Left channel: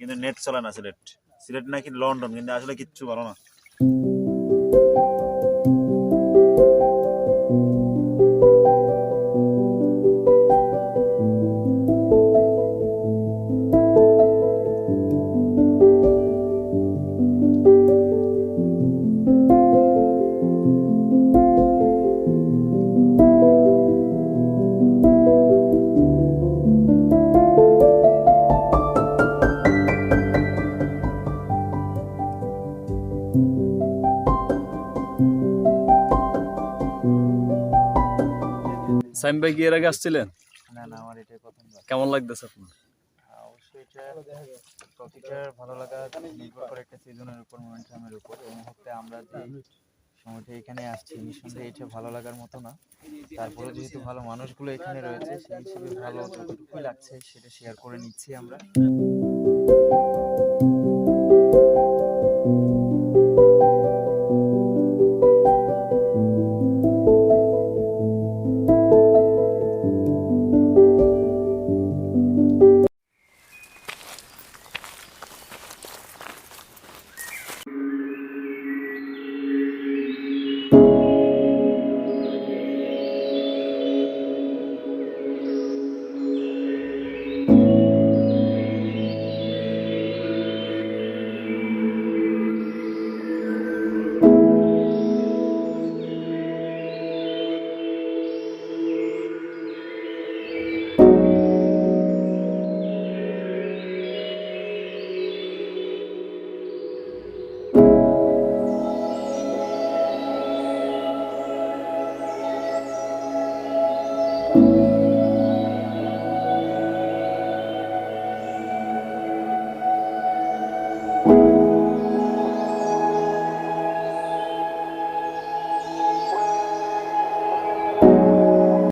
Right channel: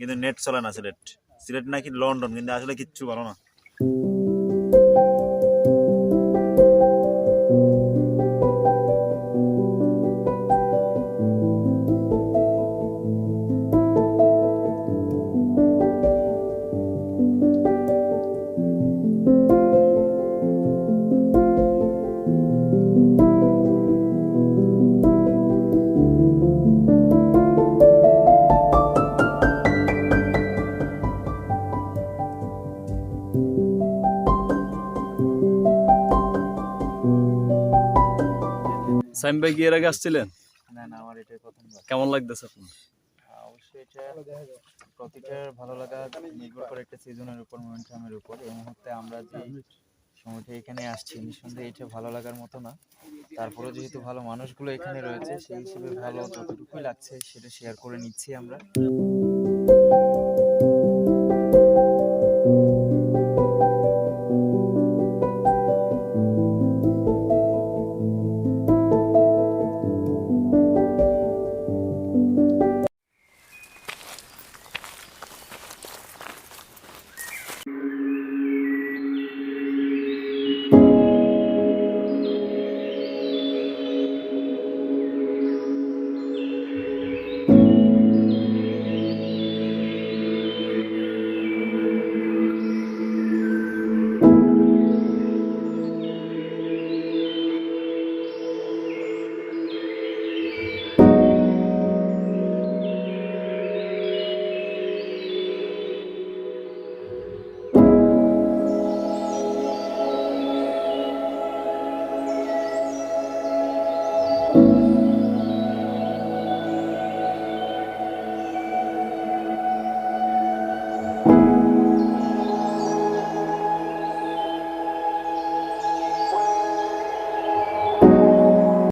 কিন্তু নেট চলে না সিলেট। সিলেট নাকি লন্ডন, কিন্তু আসলে কিচ্ছু ভালো না। সাইম ভাই কি এর আগে আসছিলেন? না না, আমার এটাই প্রথমবার। কেমন লাগতেছে আপনার? অবশ্যই এটা প্রতিটার ভালো লাগা নির্ভর করে একটা সিজনের উপর, মোমেন্টামের উপর। এই মুহূর্তে আমরা যে সময়টা এখানে আসছি, নিঃসন্দেহে এটা ভালো লাগার মতো না। তারপরেও যেহেতু ভালো মানুষগুলো এখানে রয়েছে, সেই হিসেবে ভালো যতটুকুই লাগছে সেটা শেয়ার করে নিচ্ছি আমরা।